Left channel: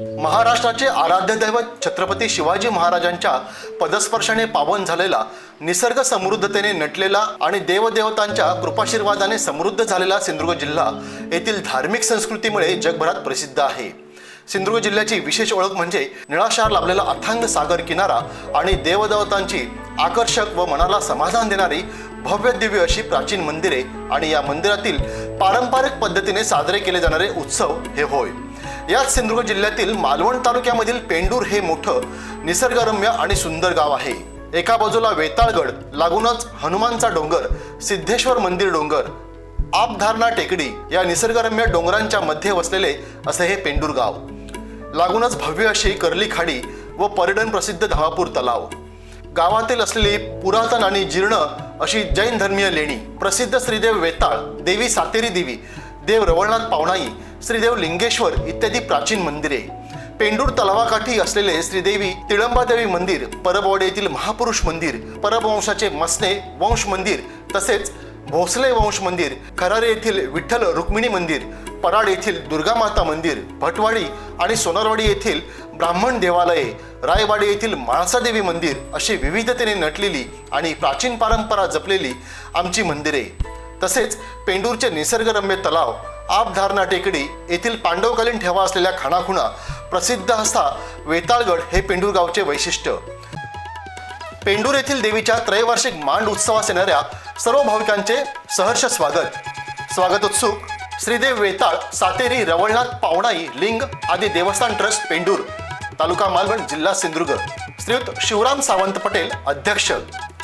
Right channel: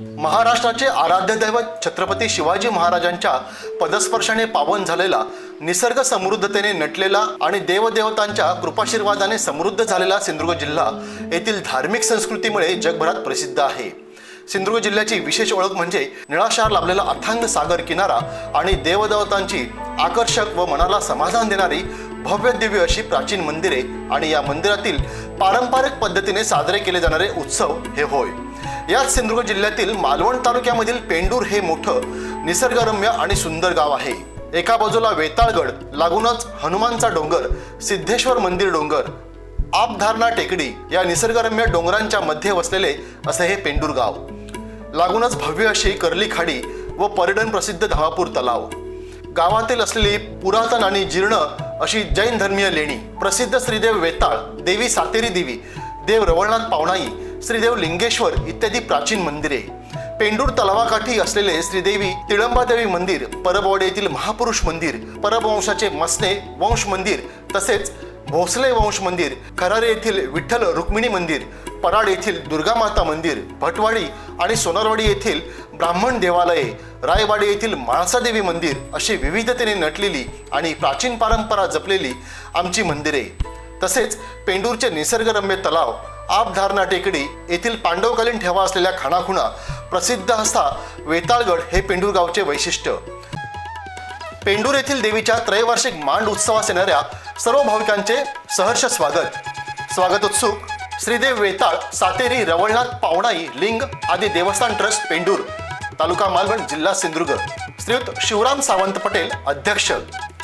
महाराष्ट्राचे आराध्य दैवत छत्रपती शिवाजी महाराजांच्या पदस्पर्शाने पावन झालेला निसर्ग समृद्धतेने नटलेला आणि देवदेवतांच्या कृपाशीर्वादाने समृद्ध झालेला सिंधुदुर्ग जिल्हा येथील धार्मिक संस्कृतीमुळे जगभरात प्रसिद्ध आहे. सिंधुदुर्ग जिल्ह्याची विशेष ओळख म्हणजे निळाशार लाभलेला अथांग सागर किनारा आणि देवदेवतांची आकर्षक व मनाला समाधान देणारी भव्य दिव्य अशी प्राचीन मंदिरे आणि या मंदिरातील पारंपरिक पद्धतीने साजरे केले जाणारे उत्सव हे होय. याच सिंधुदुर्ग जिल्ह्यातील मालवण तालुक्यामधील पेंडूर हे मोठं निसर्गरम्य आणि सुंदर गाव आहे. एका बाजूला वेताळगड लागूनच हनुमानचा डोंगर सिद्धेश्वर मंदिर डोंगर आपधारणा टेकडी या निसर्गरम्य डोंगरांच्या मध्ये वसलेले असे हे पेंडूर गाव. लागूनच भव्य अशी कर्ली खाडी व पर्यटन प्रसिद्ध धावापूर तलाव. गावातील असलेली पुरातन आणि जीर्ण अशी जैन धर्मीय लेणी प्रसिद्ध श्रीदेव वेताळ देवी सातेरी देवी देव रवळनाथ पावणाई श्रीदेव लिंगेश्वर इत्यादी प्राचीन मंदिरे. पेंडूर तलावाकाठी असलेले श्रीदेवी तिळंबादेवी मंदिर परबवाडी येथील महापुरुष मंदिर परबवंशाचे मसने वंश मंदिर तसेच भोसले वंश मंदिर खरारे येथील विठ्ठल रुक्मिणी मंदिर पराड येथील दुर्गामाता मंदिर भटवाडी आणि सोनारवाडी येथील ब्राह्मण देवालये रायवाडी येथील माळसादेवी मंदिर अशी विविधतेने नटलेली आणि प्राचीन परंपरा जपलेली आमची मंदिरे. तसेच पेंडूरचे निसर्गरम्य तलाव आपधारणा टेकडी येथील पांडवकालीन ठेवा असलेल्या खाणाखुणा प्रसिद्ध असा वेताळगड हे पेंडूर गावचे वैशिष्ट्य. पेंडूर येथील देवीच्या त्रैवार्षिक मांड उत्सवास येणाऱ्या सर्व भाविकांचे सहर्ष स्वागत. स्वागत उत्सुक श्रीदेव वेताळ सातेरी रवळनाथ पावणाई लिंग आदी देवस्थान ट्रस्ट पेंडूर तालुका मालवण जिल्हा सिंधुदुर्ग. श्रीयुत शिवराम सावंत पटेल अध्यक्ष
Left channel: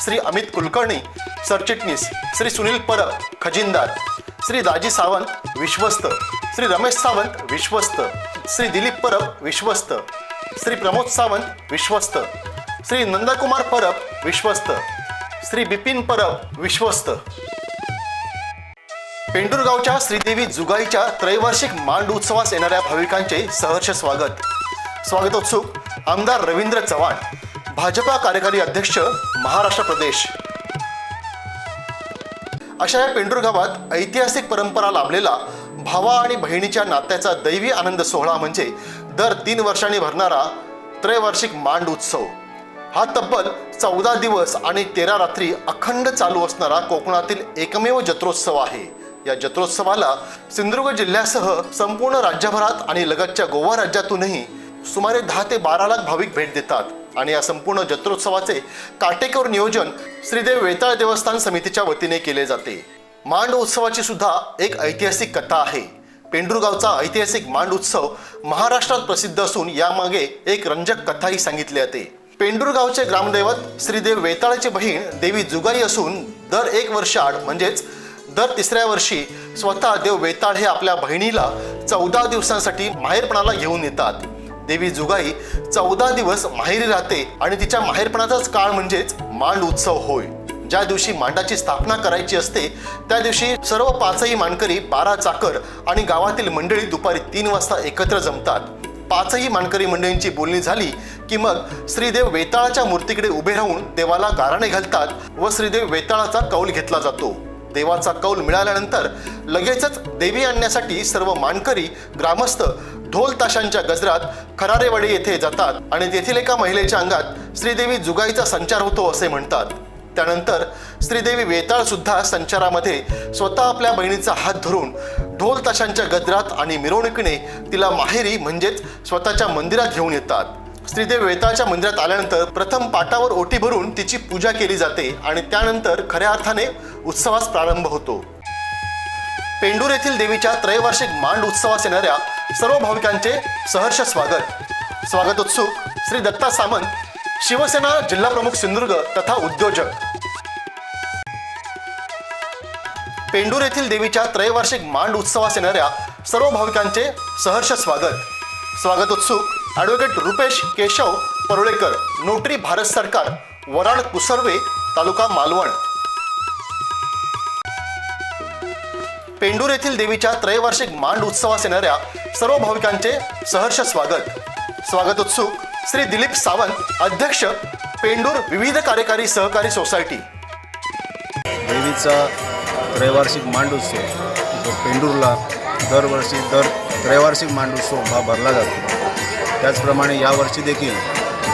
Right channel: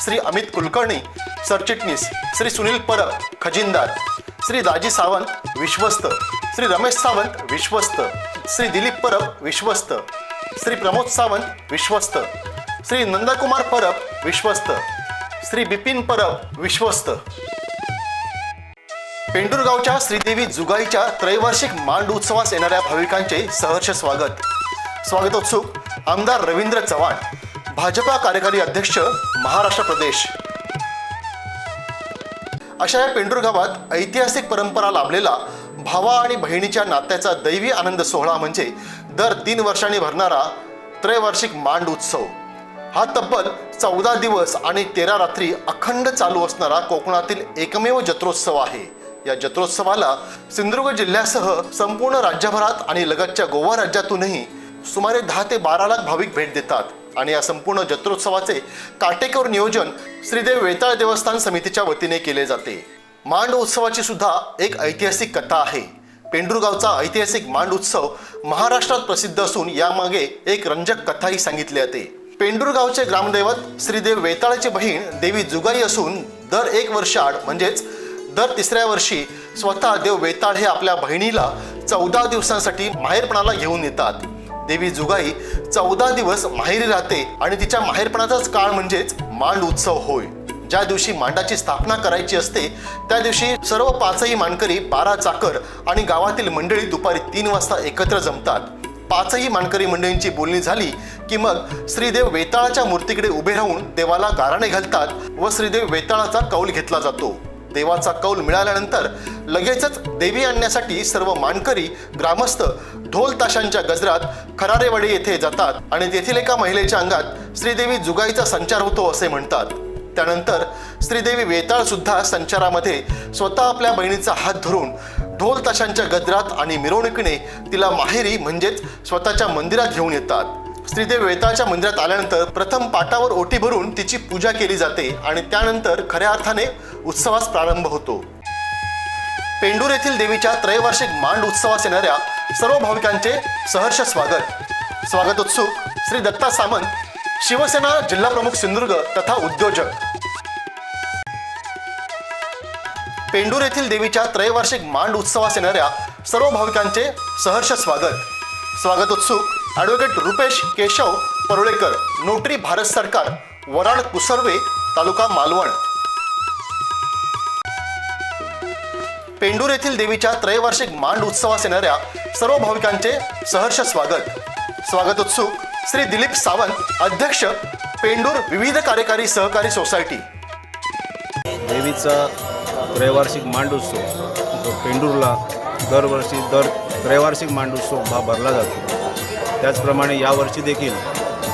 श्री अमित कुलकर्णी सरचिटणीस श्री सुनील परब खजिनदार. श्री दाजी सावंत विश्वस्त. श्री रमेश सावंत विश्वस्त. श्री दिलीप परब विश्वस्त. श्री प्रमोद सावंत विश्वस्त. श्री नंदकुमार परब विश्वस्त. श्री बिपिन परब विश्वस्त. पेंडुरगावच्या श्रीदेवी जुगाईच्या त्रैवार्षिक मांड उत्सवास येणाऱ्या भाविकांचे सहर्ष स्वागत. स्वागतोत्सुक आमदार रवींद्र चव्हाण भाजपा कार्यकारी अध्यक्ष महाराष्ट्र प्रदेश. अशा या पेंडूर गावात ऐतिहासिक परंपरा लाभलेला भावा आणि बहिणीच्या नात्याचा दैवी आनंद सोहळा म्हणजे दर तीन वर्षांनी भरणारा त्रैवार्षिक मांड उत्सव. हा तब्बल चौदा दिवस आणि तेरा रात्री अखंड चालू असणारा कोकणातील एकमेव जत्रोत्सव आहे. या जत्रोत्सवाला सिंधुदुर्ग जिल्ह्यासह संपूर्ण राज्यभरात आणि लगतच्या गोवा राज्यातूनही सुमारे दहा ते बारा लाख भाविक भेट देतात. आणि या संपूर्ण जत्रोत्सवाचे काटेकोर नियोजन श्रीदेव वेताळ देवस्थान समितीच्या वतीने केले जाते. मांड उत्सवाची सुद्धा एक ऐतिहासिक कथा आहे. पेंडुरगावचा ऐतिहासिक मांड उत्सव महाराष्ट्रात प्रसिद्ध असून यामागे एक रंजक कथाही सांगितली जाते. पेंडुरगावचे ग्रामदैवत श्रीदेव वेताळाची बहीण देवी जुगाई असून दर एक वर्षाआड म्हणजेच दर तिसऱ्या वर्षी स्वतः देव वेताळ हे आपल्या बहिणीला चौदा दिवसांसाठी माहेरपणाला घेऊन येतात. देवी जुगाई चौदा दिवस माहेरी राहते आणि तिच्या माहेरपणाचाच काळ म्हणजेच मांड उत्सव होय. ज्या दिवशी मांडाची स्थापना करायची असते त्या दिवशी सर्व पाचही मानकरी बारा चाकर आणि गावातील मंडळी दुपारी तीन वाजता एकत्र जमतात. पाचही मानकरी मंडळींची बोलणी झाली की मग श्रीदेव वेताळाच्या मूर्तीकडे उभे राहून देवाला गाराणे घालतात व श्रीदेव वेताळाचा कौल घेतला जातो. देवाचा कौल मिळाल्यानंतर लगेचच देवी आणण्यासाठी सर्व मानकरी ग्रामस्थ ढोल ताशांच्या गजरात खरारेवाडी येथे जातात आणि तेथील एका महिलेच्या अंगात श्रीदेवी जुगाईचा संचार होतो असे म्हणतात. त्यानंतर श्रीदेवी वेताळ सुद्धा संचारामध्ये स्वतः आपल्या बहिणीचा हात धरून ढोल ताशांच्या गजरात आणि मिरवणुकीने तिला माहेरी म्हणजेच स्वतःच्या मंदिरात घेऊन येतात. श्रीदेव वेताळच्या मंदिरात आल्यानंतर प्रथम पाटावर ओटी भरून तिची पूजा केली जाते आणि त्यानंतर खऱ्या अर्थाने उत्सवास प्रारंभ होतो. पेंडूर येथील देवीच्या त्रैवार्षिक मांड उत्सवास येणाऱ्या सर्व भाविकांचे सहर्ष स्वागत. स्वागतोत्सुक श्री दत्ता सामंत शिवसेना जिल्हा प्रमुख सिंधुदुर्ग तथा उद्योजक. पेंडूर येथील देवीच्या त्रैवार्षिक मांड उत्सवास येणाऱ्या सर्व भाविकांचे सहर्ष स्वागत. स्वागतोत्सुक ॲडव्होकेट रुपेश केशव परुळेकर नोटरी भारत सरकार वराड कुसर्वे तालुका मालवण पेंडूर येथील देवीच्या त्रैवार्षिक मांड उत्सवास येणाऱ्या सर्व भाविकांचे सहर्ष स्वागत. स्वागत उत्सुक श्री दिलीप सावंत अध्यक्ष पेंडूर विविध कार्यकारी सहकारी सोसायटी. देवीचा त्रैवार्षिक मांड उत्सव पेंडूरला दरवर्षी दर त्रैवार्षिक मांडोत्सव हा भरला जातो. त्याचप्रमाणे यावर्षी देखील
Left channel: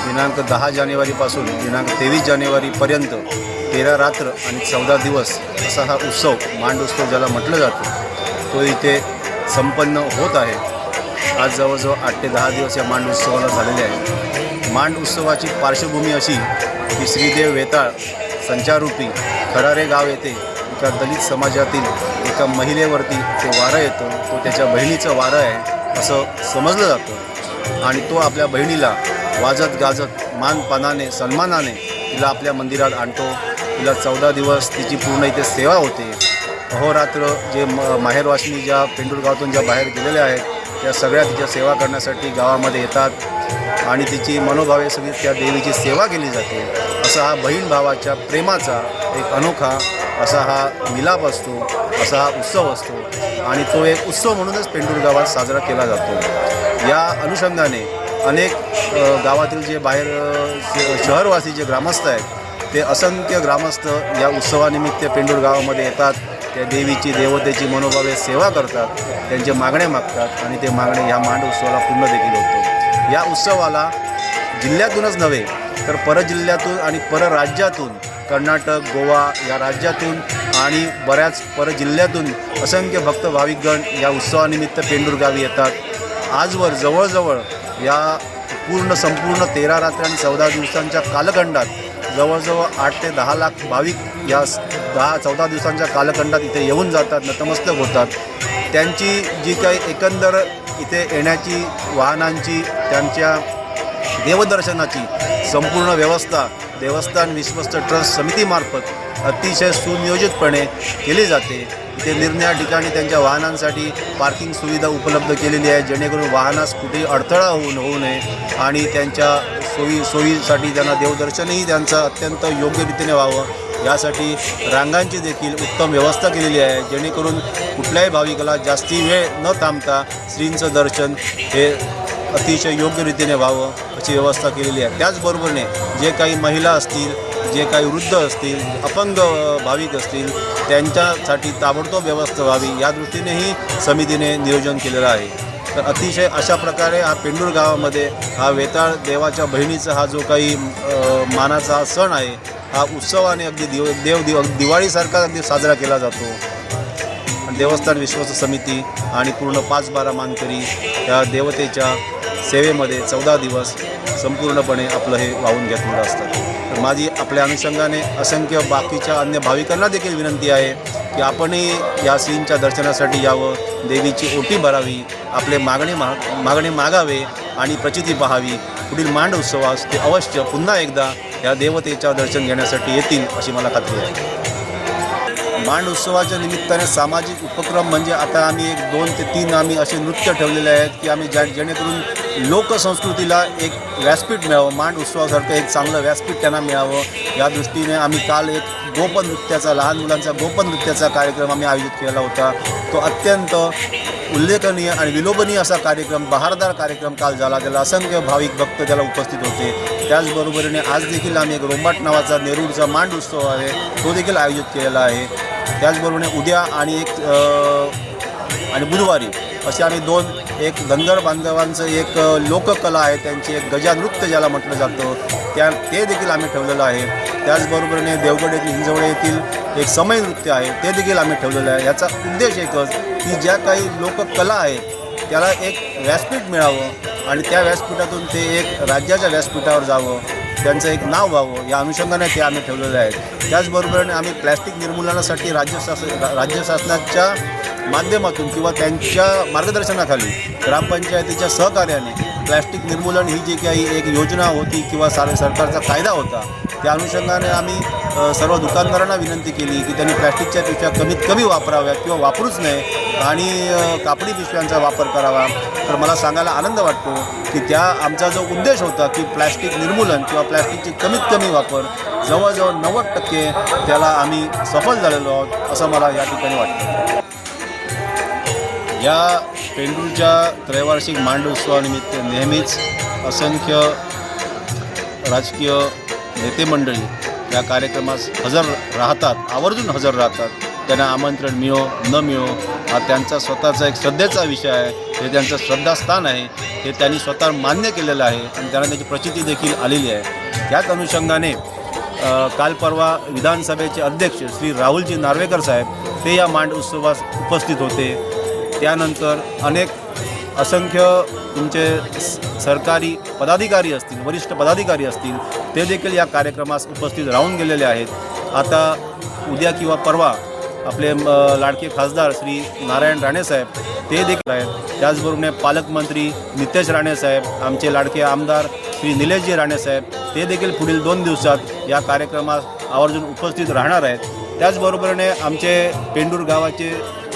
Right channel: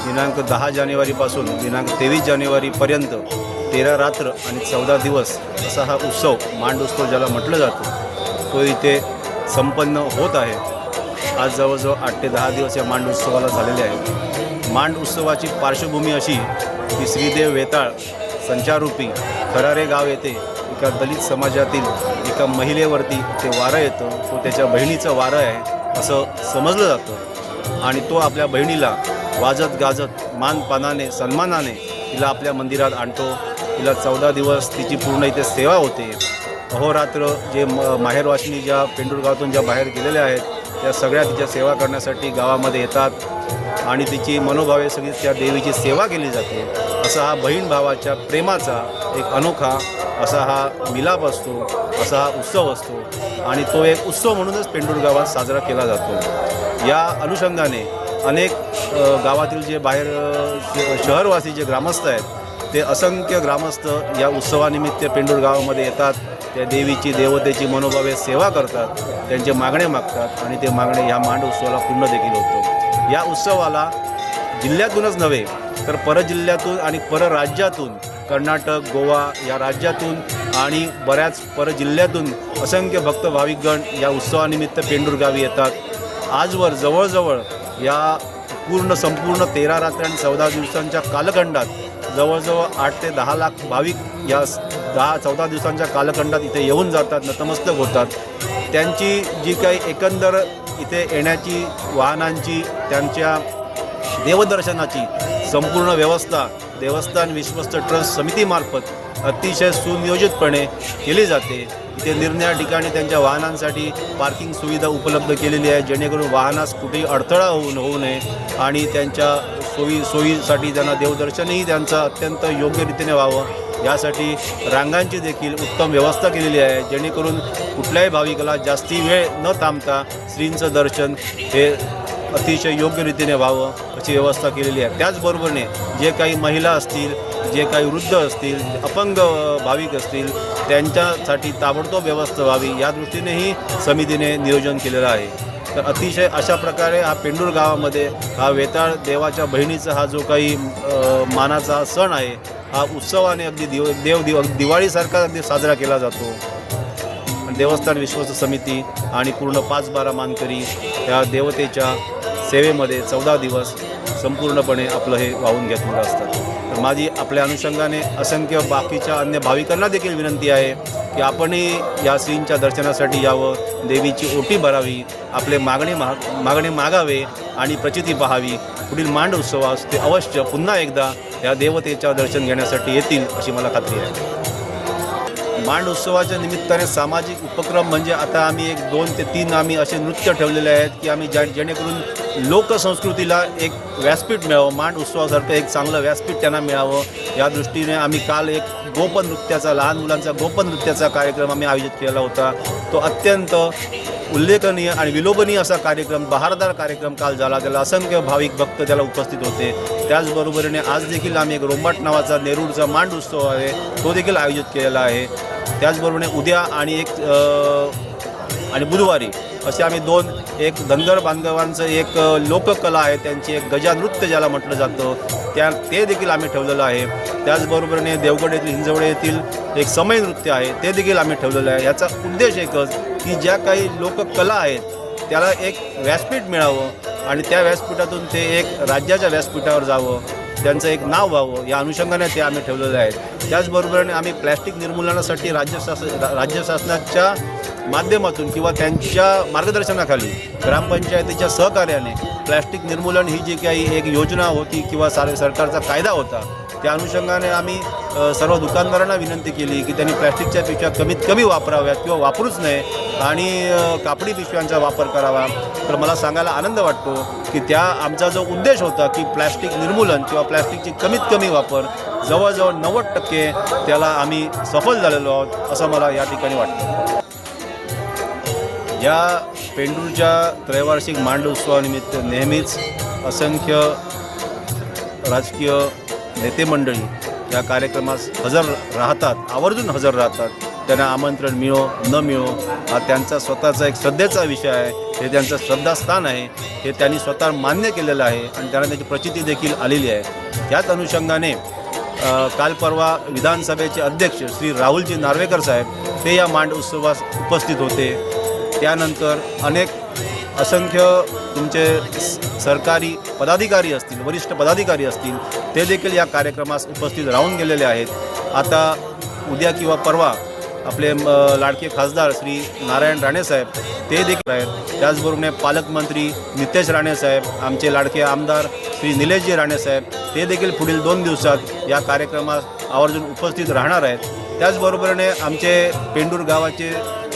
दिनांक दहा जानेवारीपासून दिनांक तेवीस जानेवारीपर्यंत तेरा रात्र आणि चौदा दिवस असा हा उत्सव मांड उत्सव ज्याला म्हटलं जातं तो इथे संपन्न होत आहे. आज जवळजवळ आठ ते दहा दिवस या मांड उत्सवाला झालेले आहेत. मांड उत्सवाची पार्श्वभूमी अशी की श्रीदेव वेताळ संचारूपी खरारे गाव येथे एका दलित समाजातील एका महिलेवरती ते वारं येतं. तो त्याच्या बहिणीचं वारं आहे असं समजलं जातं. आणि तो आपल्या बहिणीला वाजत गाजत मानपानाने सन्मानाने तिला आपल्या मंदिरात आणतो. तिला चौदा दिवस तिची पूर्ण इथे सेवा होते. अहोरात्र जे म माहेरवासिनी ज्या पेंडुरगावातून ज्या बाहेर गेलेल्या आहेत त्या सगळ्या तिच्या सेवा करण्यासाठी गावामध्ये येतात. आणि तिची मनोभावे सगळी त्या देवीची सेवा केली जाते. असा हा बहीण भावाच्या प्रेमाचा एक अनोखा असा हा मिलाप असतो असा हा उत्सव असतो. आणि तो एक उत्सव म्हणूनच पेंडूर गावात साजरा केला जातो. या अनुषंगाने अनेक गावातील जे बाहेर शहरवासी जे ग्रामस्थ आहेत ते असंख्य ग्रामस्थ या उत्सवानिमित्त पेंडूर गावामध्ये येतात. त्या देवीची देवतेची मनोभावे सेवा करतात. त्यांचे मागणे मागतात आणि ते मागणे ह्या मांड उत्सवाला पूर्ण देखील होतो. या उत्सवाला जिल्ह्यातूनच नव्हे तर परजिल्ह्यातून आणि परराज्यातून कर्नाटक गोवा या राज्यातून आणि बऱ्याच परजिल्ह्यातून असंख्य भक्त भाविकगण या उत्सवानिमित्त पेंडूर गावी येतात. आजवर जवळजवळ या पूर्ण संपूर्ण तेरा रात्री आणि चौदा दिवसांच्या कालखंडात जवळजवळ आठ ते दहा लाख भाविक या स- दहा चौदा दिवसांच्या कालखंडात इथे येऊन जातात नतमस्तक होतात. त्यांची जी काही एकंदर इथे येण्याची वाहनांची त्यांच्या देवदर्शनाची संपूर्ण व्यवस्था देवस्थान विश्वस्त ट्रस्ट समितीमार्फत अतिशय सुनियोजितपणे केली जाते. इथे निरनिळ्या ठिकाणी त्यांच्या वाहनांसाठी पार्किंग सुविधा उपलब्ध केलेली आहे. जेणेकरून वाहनास कुठे अडथळा होऊन होऊ नये आणि त्यांच्या सोयी सोयीसाठी त्यांना देवदर्शनही त्यांचं अत्यंत योग्य रीतीने व्हावं. यासाठी रांगांची देखील उत्तम व्यवस्था केलेली आहे. जेणेकरून कुठल्याही भाविकाला जास्ती वेळ न थांबता श्रींचं दर्शन हे अतिशय योग्य रीतीने व्हावं अशी व्यवस्था केलेली आहे. त्याचबरोबरने जे काही महिला असतील जे काही वृद्ध असतील अपंग भाविक असतील त्यांच्यासाठी ताबडतोब व्यवस्था व्हावी या दृष्टीनेही समितीने नियोजन केलेलं आहे. तर अतिशय अशा प्रकारे हा पेंडूर गावामध्ये हा वेताळ देवाच्या बहिणीचा हा जो काही मानाचा सण आहे हा उत्सवाने अगदी दिव देव दिव दिवाळीसारखा अगदी साजरा केला जातो. देवस्थान विश्वास समिती आणि पूर्ण पाच बारा मानकरी या देवतेच्या सेवेमध्ये चौदा दिवस संपूर्णपणे आपलं हे वाहून घेतलेलं असतं. तर माझी आपल्या अनुषंगाने असंख्य बाकीच्या अन्य भाविकांना देखील विनंती आहे की आपणही या श्रींच्या दर्शनासाठी यावं. देवीची ओटी भरावी आपले मागणे मा मागणे मागावे आणि प्रचिती पाहावी. पुढील मांड उत्सवास ते अवश्य पुन्हा एकदा या देवतेच्या दर्शन घेण्यासाठी येतील अशी मला खात्री आहे. मांड उत्सवाच्या निमित्ताने सामाजिक उपक्रम म्हणजे आता आम्ही एक दोन ते तीन आम्ही असे नृत्य ठेवलेले आहेत की आम्ही ज्या जेणेकरून लोकसंस्कृतीला एक व्यासपीठ मिळावं मांड उत्सवासारखं एक चांगलं व्यासपीठ त्यांना मिळावं या दृष्टीने आम्ही काल एक गोपन नृत्याचा लहान मुलांचा गोपन नृत्याचा कार्यक्रम आम्ही आयोजित केलेला होता. तो अत्यंत उल्लेखनीय आणि विलोभनीय असा कार्यक्रम बहारदार कार्यक्रम काल झाला. त्याला असंख्य भाविक भक्त त्याला उपस्थित होते. त्याचबरोबरीने आज देखील आम्ही एक रोमाट नावाचा नेरूरचा मांड उत्सव आहे तो देखील आयोजित केलेला आहे. त्याचबरोबरीने उद्या आणि एक आणि बुधवारी असे आम्ही दोन एक धनगर बांधवांचं एक लोककला आहे त्यांची एक गजानृत्य ज्याला म्हटलं जातं त्या ते देखील आम्ही ठेवलेलं आहे. त्याचबरोबरीने देवगड येथील हिंजवडे येथील एक समय नृत्य आहे ते देखील आम्ही ठेवलेलं आहे. याचा उद्देश एकच की ज्या काही लोककला आहेत त्याला एक व्यासपीठ मिळावं आणि त्या व्यासपीठातून ते एक राज्याच्या व्यासपीठावर जावं. त्यांचं एक नाव व्हावं या अनुषंगाने ते आम्ही ठेवलेलं आहे त्याचबरोबर आम्ही प्लॅस्टिक निर्मूलनासाठी राज्य शासन राज्य शासनाच्या माध्यमातून किंवा त्यांच्या मार्गदर्शनाखाली ग्रामपंचायतीच्या सहकार्याने प्लॅस्टिक निर्मूलन ही जी काही एक योजना होती किंवा सार सरकारचा कायदा होता त्या अनुषंगाने आम्ही सर्व दुकानदारांना विनंती केली की त्यांनी प्लॅस्टिकच्या पिशव्या कमीत कमी वापराव्यात किंवा वापरूच नये आणि कापडी पिशव्यांचा वापर करावा. तर मला सांगायला आनंद वाटतो की त्या आमचा जो उद्देश होता की प्लॅस्टिक निर्मूलन किंवा प्लॅस्टिकची कमीत कमी वापर जवळजवळ नव्वद टक्के त्याला आम्ही सफल झालेलो आहोत असं मला या ठिकाणी वाटतं. या पेंडूरच्या त्रैवार्षिक मांड उत्सवानिमित्त नेहमीच असंख्य राजकीय नेतेमंडळी या कार्यक्रमास हजर राहतात आवर्जून हजर राहतात. त्यांना आमंत्रण मिळो न मिळो हा त्यांचा स्वतःचा एक श्रद्धेचा विषय आहे. हे त्यांचं श्रद्धास्थान आहे. हे त्यांनी स्वतः मान्य केलेलं आहे आणि त्यांना त्याची प्रचिती देखील आलेली आहे. त्याच अनुषंगाने काल परवा विधानसभेचे अध्यक्ष श्री राहुलजी नार्वेकर साहेब ते या मांड उत्सवास उपस्थित होते. त्यानंतर अनेक असंख्य तुमचे सरकारी पदाधिकारी असतील वरिष्ठ पदाधिकारी असतील ते देखील या कार्यक्रमास उपस्थित राहून गेलेले आहेत. आता उद्या किंवा परवा आपले म, लाडके खासदार श्री नारायण राणेसाहेब ते देखील आहेत. त्याचबरोबर पालकमंत्री नितेश राणेसाहेब आमचे लाडके आमदार श्री निलेशजी राणेसाहेब ते देखील पुढील दोन दिवसात या कार्यक्रमास आवर्जून उपस्थित राहणार आहेत. त्याचबरोबरीने आमचे पेंडूर गावाचे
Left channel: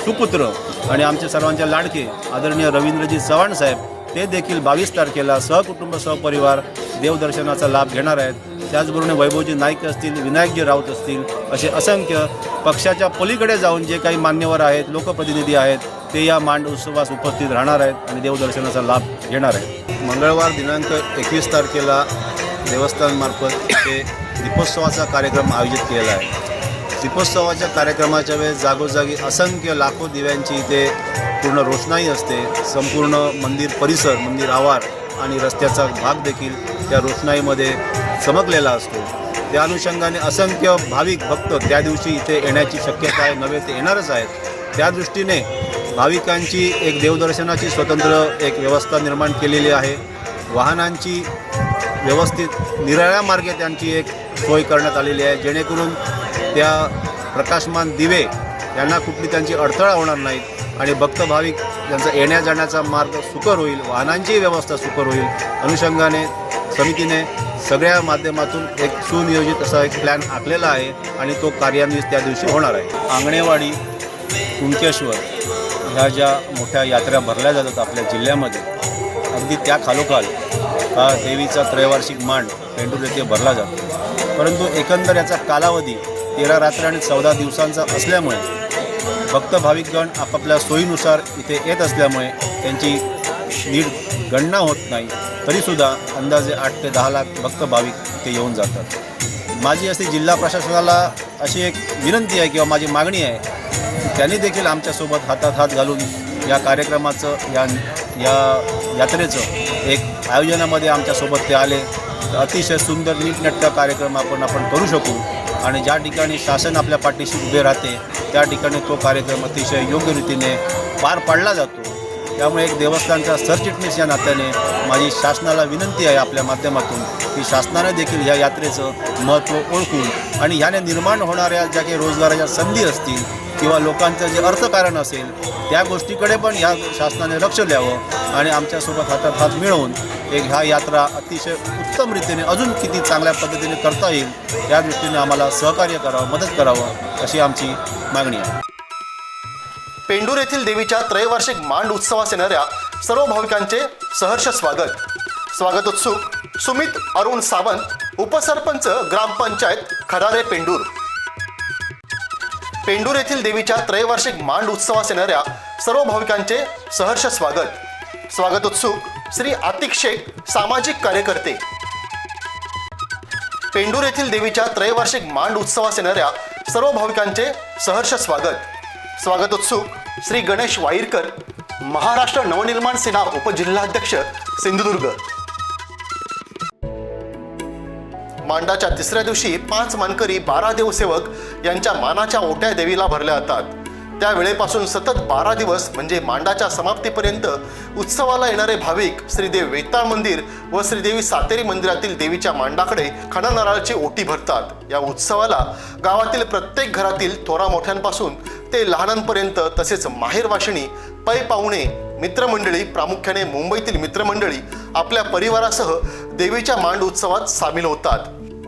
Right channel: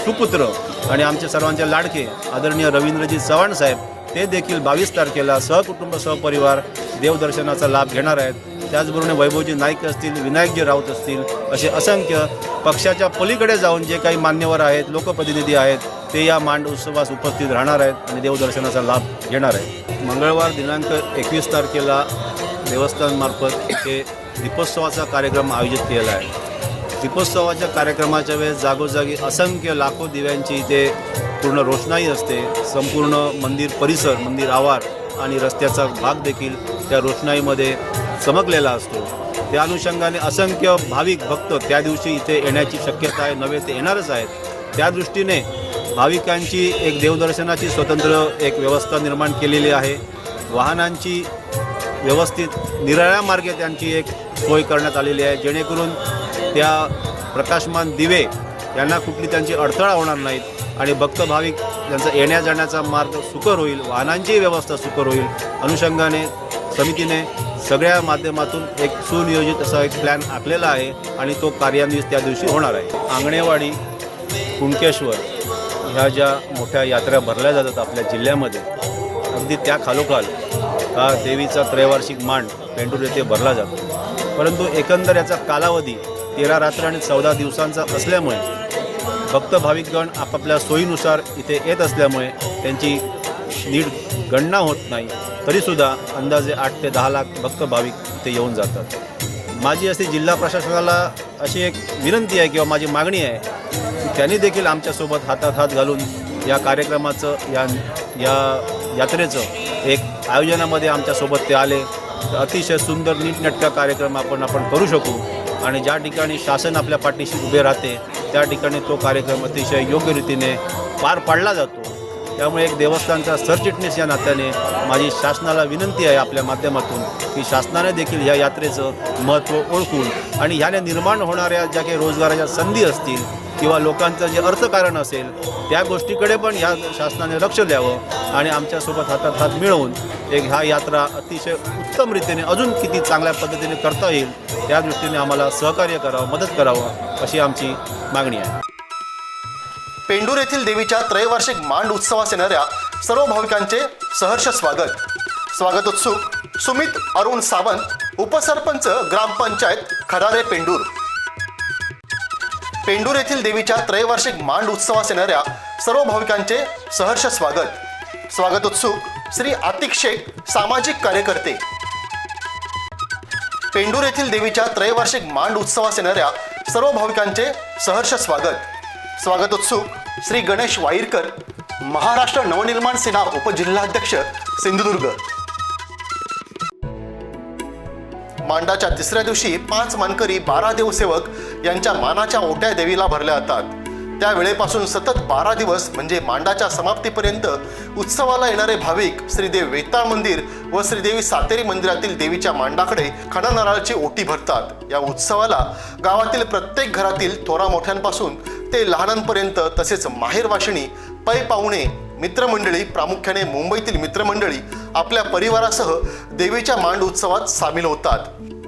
सुपुत्र आणि आमचे सर्वांचे लाडके आदरणीय रवींद्रजी चव्हाण साहेब ते देखील बावीस तारखेला सहकुटुंब सहपरिवार देवदर्शनाचा लाभ घेणार आहेत. त्याचबरोबर वैभवजी नाईक असतील विनायकजी राऊत असतील असे असंख्य पक्षाच्या पलीकडे जाऊन जे काही मान्यवर आहेत लोकप्रतिनिधी आहेत ते या मांड उत्सवास उपस्थित राहणार आहेत आणि देवदर्शनाचा लाभ घेणार आहेत. मंगळवार दिनांक एकवीस तारखेला देवस्थानमार्फत ते दीपोत्सवाचा कार्यक्रम आयोजित केलेला आहे. दीपोत्सवाच्या कार्यक्रमाच्या वेळेस जागोजागी असंख्य लाखो दिव्यांची इथे पूर्ण रोषणाई असते. संपूर्ण मंदिर परिसर मंदिर आवार आणि रस्त्याचा भाग देखील त्या रोषणाईमध्ये चमकलेला असतो. त्या अनुषंगाने असंख्य भाविक भक्त त्या दिवशी इथे येण्याची शक्यता आहे नव्हे ते येणारच आहेत. त्या दृष्टीने भाविकांची एक देवदर्शनाची स्वतंत्र एक व्यवस्था निर्माण केलेली आहे. वाहनांची व्यवस्थित निराळ्या मार्गे त्यांची एक सोय करण्यात आलेली आहे. जेणेकरून त्या प्रकाशमान दिवे यांना कुठली त्यांची अडथळा होणार नाहीत आणि भक्त भाविक यांचा येण्या जाण्याचा मार्ग सुकर होईल वाहनांची व्यवस्था सुकर होईल. अनुषंगाने समितीने सगळ्या माध्यमातून एक सुनियोजित असा एक प्लॅन आखलेला आहे आणि तो कार्यान्वित त्या दिवशी होणार आहे. आंगणेवाडी कुंकेश्वर ह्या ज्या मोठ्या यात्रा भरल्या जातात आपल्या जिल्ह्यामध्ये अगदी त्या खालोखाल हा देवीचा त्रैवार्षिक मांड पेंडूर येथे भरला जातो. परंतु एकंदर याचा कालावधी तेरा रात्री आणि चौदा दिवसांचा असल्यामुळे भक्त भाविकगण आपापल्या सोयीनुसार इथे येत असल्यामुळे त्यांची नीट गणना होत नाही. तरीसुद्धा अंदाजे आठ ते दहा लाख भक्त भाविक इथे येऊन जातात. माझी अशी जिल्हा प्रशासनाला अशी एक विनंती आहे किंवा माझी मागणी आहे की त्यांनी देखील आमच्यासोबत हातात हात घालून या कार्यक्रमाचं या या यात्रेचं एक आयोजनामध्ये आमच्यासोबत ते आले. अतिशय सुंदर नीटनटका कार्यक्रम आपण आपण करू शकू. आणि ज्या ठिकाणी शासन आपल्या पाठीशी उभे राहते त्या ठिकाणी तो कार्यक्रम अतिशय योग्य रीतीने पार पाडला जातो. त्यामुळे एक देवस्थानच्या सरचिटणीस या नात्याने माझी शासनाला विनंती आहे आपल्या माध्यमातून की शासनाने देखील या यात्रेचं महत्त्व ओळखून आणि ह्याने निर्माण होणाऱ्या ज्या काही रोजगाराच्या संधी असतील किंवा लोकांचं जे अर्थकारण असेल त्या गोष्टीकडे पण ह्या शासनाने लक्ष द्यावं आणि आमच्यासोबत हातात हात मिळवून एक ह्या यात्रा अतिशय उत्तम रीतीने अजून किती चांगल्या पद्धतीने करता येईल त्या दृष्टीने आम्हाला सहकार्य करावं मदत करावं अशी आमची मागणी आहे. पेंडूर येथील देवीच्या त्रैवार्षिक मांड उत्सवास येणाऱ्या सर्व भाविकांचे सहर्ष स्वागत. स्वागत उत्सुक सुमित अरुण सावंत उपसरपंच ग्रामपंचायत खरारे पेंडूर. पेंडूर येथील देवीच्या त्रैवार्षिक मांड उत्सवास येणाऱ्या सर्व भाविकांचे सहर्ष स्वागत. स्वागत उत्सुक श्री आतिक शेख सामाजिक कार्यकर्ते. पेंडूर येथील देवीच्या त्रैवार्षिक मांड उत्सवास येणाऱ्या सर्व भाविकांचे सहर्ष स्वागत. स्वागत उत्सुक श्री गणेश वाईरकर महाराष्ट्र नवनिर्माण सेना उपजिल्हाध्यक्ष सिंधुदुर्ग. मांडाच्या तिसऱ्या दिवशी पाच मानकरी बारा देवसेवक यांच्या मानाच्या ओट्या देवीला भरल्या जातात. त्या वेळेपासून सतत बारा दिवस म्हणजे मांडाच्या समाप्तीपर्यंत उत्सवाला येणारे भाविक श्रीदेव वेताळ मंदिर व श्रीदेवी सातेरी मंदिरातील देवीच्या मांडाकडे खणा नारळाची ओटी भरतात. या उत्सवाला गावातील प्रत्येक घरातील थोरा मोठ्यांपासून ते लहानांपर्यंत तसेच माहेरवाशिणी पै पाहुणे मित्रमंडळी प्रामुख्याने मुंबईतील मित्रमंडळी आपल्या परिवारासह देवीच्या मांड उत्सवात सामील होतात.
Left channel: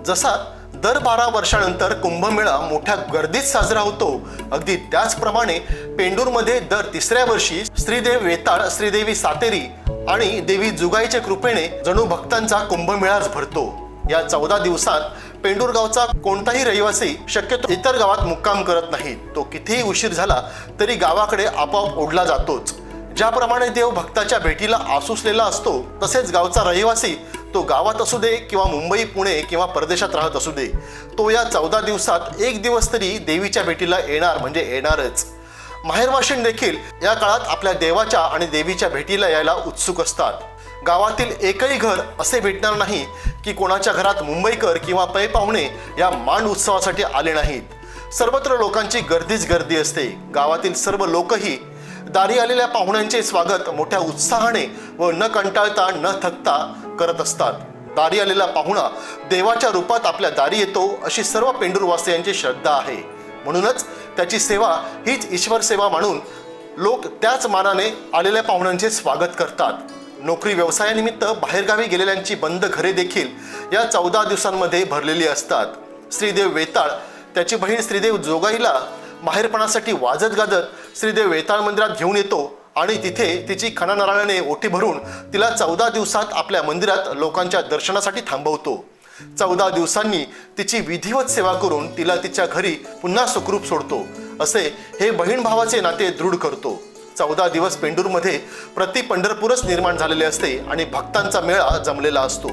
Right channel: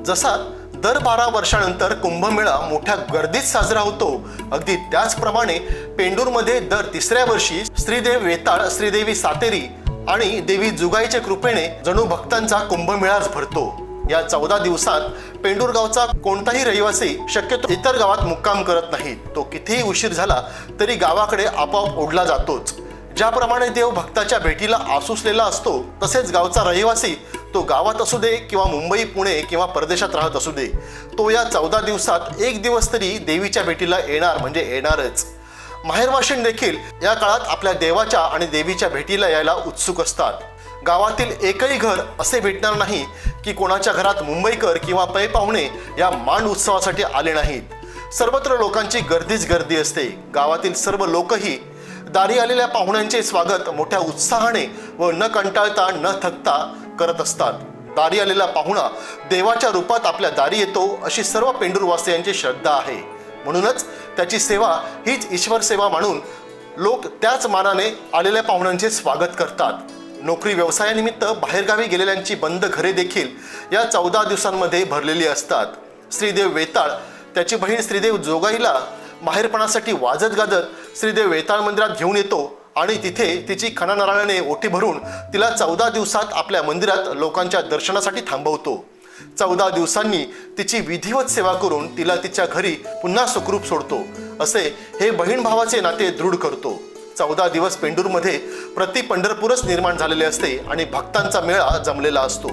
जसा दर बारा वर्षानंतर कुंभमेळा मोठ्या गर्दीत साजरा होतो अगदी त्याचप्रमाणे पेंडूरमध्ये दर तिसऱ्या वर्षी श्रीदेव वेताळ श्रीदेवी सातेरी आणि देवी जुगाईच्या कृपेने जणू भक्तांचा कुंभमेळाच भरतो. या चौदा दिवसात पेंडूर गावचा कोणताही रहिवासी शक्यतो इतर गावात मुक्काम करत नाही. तो कितीही उशीर झाला तरी गावाकडे आपोआप ओढला जातोच. ज्याप्रमाणे देव भक्ताच्या भेटीला आसुसलेला असतो तसेच गावचा रहिवासी तो गावात असू दे किंवा मुंबई पुणे किंवा परदेशात राहत असू दे तो या चौदा दिवसात एक दिवस तरी देवीच्या भेटीला येणार म्हणजे येणारच. माहेरवाशीण देखील या काळात आपल्या देवाच्या आणि देवीच्या भेटीला यायला उत्सुक असतात. गावातील एकही घर असे भेटणार नाही की कोणाच्या घरात मुंबईकर किंवा पै पाहुणे या मांड उत्सवासाठी आले नाहीत. सर्वत्र लोकांची गर्दीच गर्दी असते. गावातील सर्व लोकही दारी आलेल्या पाहुण्यांचे स्वागत मोठ्या उत्साहाने व न कंटाळता न थकता करत असतात. दारी आलेला पाहुणा देवाच्या रूपात आपल्या दारी येतो अशी सर्व पेंडूरवासियांची श्रद्धा आहे. म्हणूनच त्याची सेवा हीच ईश्वर सेवा म्हणून लोक त्याच मानाने आलेल्या पाहुण्यांचे स्वागत करतात. नोकरी व्यवसायानिमित्त बाहेरगावी गेलेल्यांची बंद घरे देखील या चौदा दिवसांमध्ये भरलेली असतात. श्रीदेव वेताळ त्याची बहीण श्रीदेव जोगाईला माहेरपणासाठी वाजत गाजत श्रीदेव वेताळ मंदिरात घेऊन येतो. आणि तिथे तिची खणा ओटी भरून तिला चौदा दिवसात आपल्या मंदिरात लोकांच्या दर्शनासाठी थांबवतो. चौदा दिवसांनी तिची विधिवत सेवा करून तिला तिच्या घरी पुन्हा सुखरूप सोडतो असे हे बहीण भावाचे नाते दृढ करतो. चौदा दिवस पेंडूरमध्ये प्रति पंढरपूरच निर्माण झालेले असते आणि भक्तांचा मेळा जमलेला असतो.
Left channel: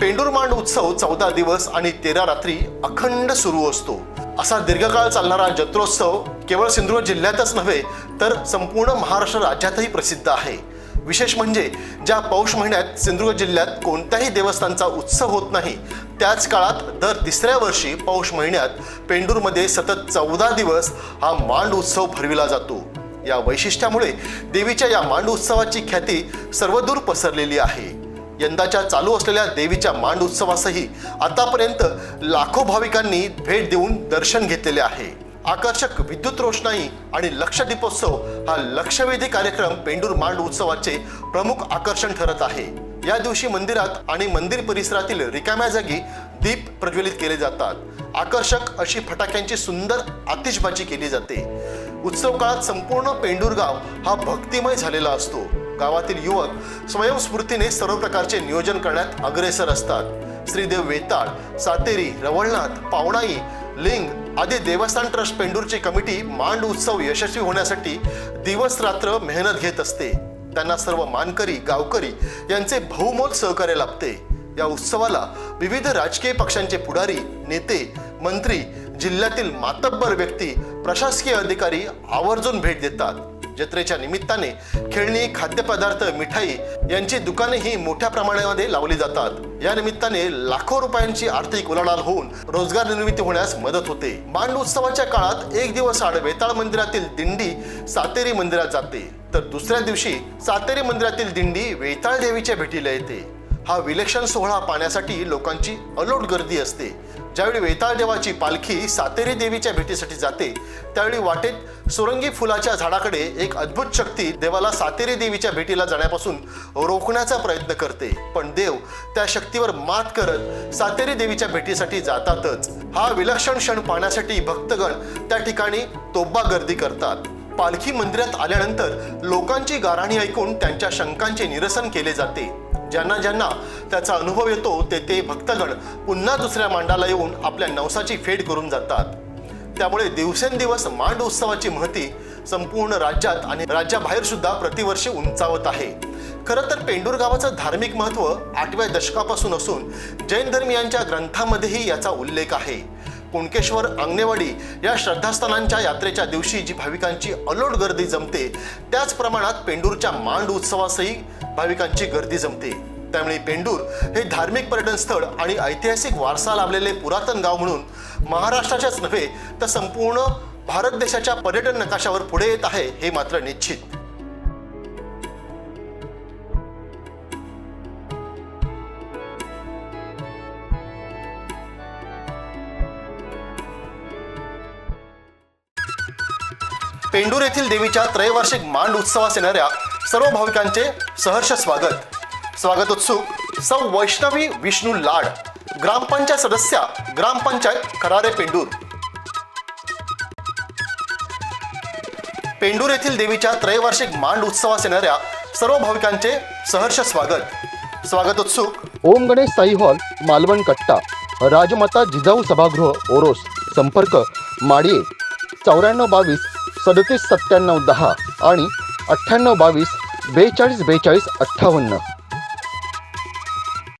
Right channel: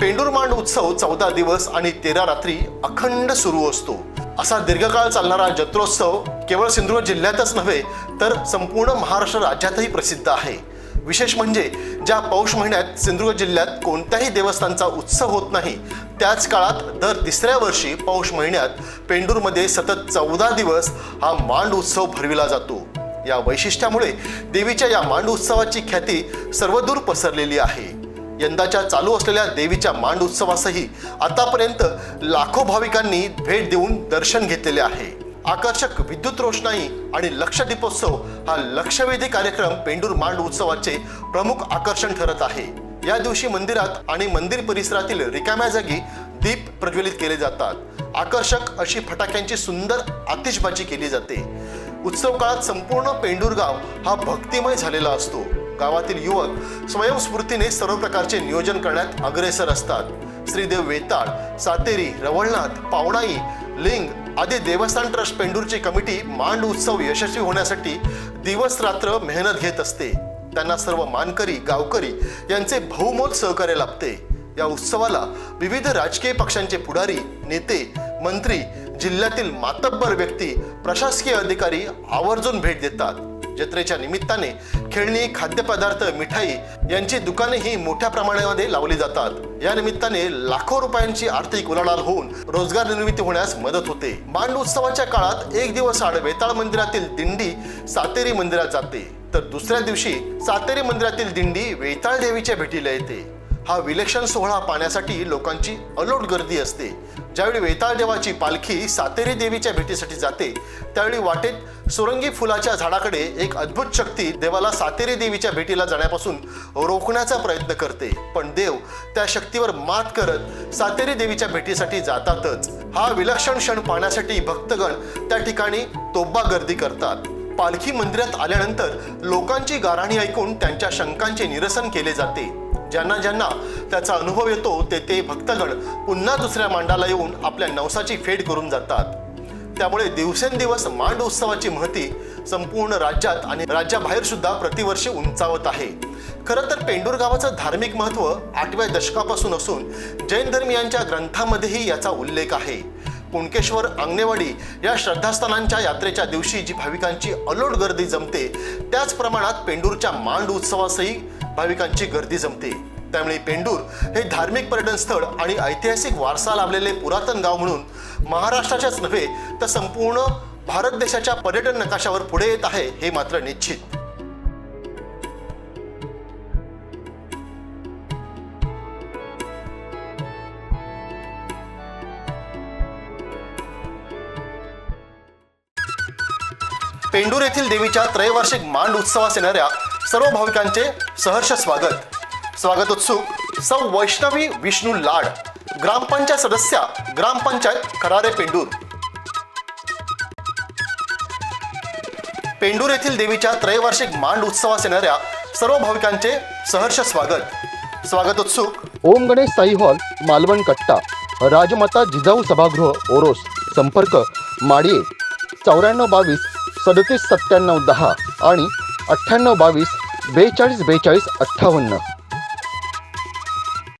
पेंडूर मांड उत्सव चौदा दिवस आणि तेरा रात्री अखंड सुरू असतो. असा दीर्घकाळ चालणारा जत्रोत्सव केवळ सिंधुदुर्ग जिल्ह्यातच नव्हे तर संपूर्ण महाराष्ट्र राज्यातही प्रसिद्ध आहे. विशेष म्हणजे ज्या पौष महिन्यात सिंधुदुर्ग जिल्ह्यात कोणत्याही देवस्थानचा उत्सव होत नाही त्याच काळात दर तिसऱ्या वर्षी पौष महिन्यात पेंडूरमध्ये सतत चौदा दिवस हा मांड उत्सव भरविला जातो. या वैशिष्ट्यामुळे देवीच्या या मांड उत्सवाची ख्याती सर्वदूर पसरलेली आहे. यंदाच्या चालू असलेल्या देवीच्या मांड उत्सवासही आतापर्यंत लाखो भाविकांनी भेट देऊन दर्शन घेतलेले आहे. आकर्षक विद्युत रोषणाई आणि लक्ष दीपोत्सव हा लक्षवेधी कार्यक्रम पेंडूर मांड उत्सवाचे प्रमुख आकर्षण ठरत आहे. या दिवशी मंदिरात आणि मंदिर परिसरातील रिकाम्या जागी दीप प्रज्वलित केले जातात. आकर्षक अशी फटाक्यांची सुंदर आतिषबाजी केली जाते. उत्सव काळात संपूर्ण पेंडूर गाव हा भक्तिमय झालेला असतो. गावातील युवक स्वयंस्फूर्तीने सर्व प्रकारचे नियोजन करण्यात अग्रेसर असतात. श्रीदेव वेताळ सातेरी रवळनाथ पावणाई लिंग आदी देवस्थान ट्रस्ट पेंडूरची कमिटी मांड उत्सव यशस्वी होण्यासाठी दिवस रात्र मेहनत घेत असते. त्यांना सर्व मानकरी गावकरी यांचे बहुमोल सहकार्य लाभते. या उत्सवाला विविध राजकीय पक्षांचे पुढारी नेते मंत्री जिल्ह्यातील मातब्बर व्यक्ती प्रशासकीय अधिकारी आवर्जून भेट देतात. जत्रेच्या निमित्ताने खेळणी खाद्यपदार्थ मिठाई यांची दुकाने ही मोठ्या प्रमाणामध्ये लावली जातात. या निमित्ताने लाखो रुपयांची आर्थिक उलाढाल होऊन रोजगार निर्मिती होण्यास मदत होते. मांड उत्सवाच्या काळात एक दिवस आड वेताळ मंदिरातील दिंडी सातेरी मंदिरात जाते. तर दुसऱ्या दिवशी सातेरी मंदिरातील दिंडी वेताळ देवीच्या भेटीला येते. हा विलक्षण सोहळा पाहण्यासाठी लोकांची अलोट गर्दी असते. ज्यावेळी वेताळ देवाची पालखी सातेरी देवीच्या भेटीसाठी जाते त्यावेळी वाटेत सुरंगी फुलाच्या झाडाकडे एक अद्भुत शक्ती देवाला सातेरी देवीच्या भेटीला जाण्यापासून रोखण्याचा प्रयत्न करते. पण देव त्या शक्तीवर मात करत सातेरी देवीच्या भेटीसाठी जातातच. हा विलक्षण क्षण पाहण्यासाठी भक्तगण त्या ठिकाणी तोब्बा गर्दी करतात. पालखी मंदिरात आल्यानंतर लोकांची गाराणी ऐकून त्यांच्या शंकांचे निरसन केले जाते. ज्यांना ज्यांना त्याचा अनुभव येतो ते ते भक्तगण पुन्हा दुसऱ्या मांडाला येऊन आपल्या नवसाची फेड करून जातात. त्यामुळे दिवसेंदिवस मांड उत्सवाची महती संपूर्ण राज्यात आणि राज्याबाहेर सुद्धा प्रतिवर्षी उंचावत आहे. खरं तर पेंडूर गावाचं धार्मिक महत्त्व आठव्या दशकापासून असून जैन धर्मियांच्या ग्रंथामध्येही याचा उल्लेख आहे. कुणकेश्वर अंगणेवाडी या श्रद्धास्थानांच्या यात्रेच्या दिवशी जी भाविकांची अलोट गर्दी जमते त्याच प्रमाणात पेंडूरच्या मांड उत्सवासही भाविकांची गर्दी जमते. त्यामुळे पेंडूर हे धार्मिक पर्यटन स्थळ आणि ऐतिहासिक वारसा लाभलेले पुरातन गाव म्हणून महाराष्ट्राच्याच नव्हे तर संपूर्ण भारत देशाच्या पर्यटन नकाशावर पुढे येत आहे हे मात्र निश्चित. पेंडूर येथील देवीच्या त्रैवार्षिक मांड उत्सवास येणाऱ्या सर्व भाविकांचे सहर्ष स्वागत. स्वागत उत्सुक सौ वैष्णवी विष्णू लाड ग्रामपंचायत सदस्या ग्रामपंचायत खरारे पेंडूर. पेंडूर येथील देवीच्या त्रैवार्षिक मांड उत्सवास येणाऱ्या सर्व भाविकांचे सहर्ष स्वागत. स्वागत उत्सुक ओम गणेश साई हॉल मालवण कट्टा राजमाता जिजाऊ सभागृह ओरोस संपर्क माडिये चौऱ्याण्णव बावीस सदतीस सत्त्याण्णव दहा आणि अठ्ठ्याण्णव बावीस बेचाळीस बेचाळीस अठ्ठावन्न.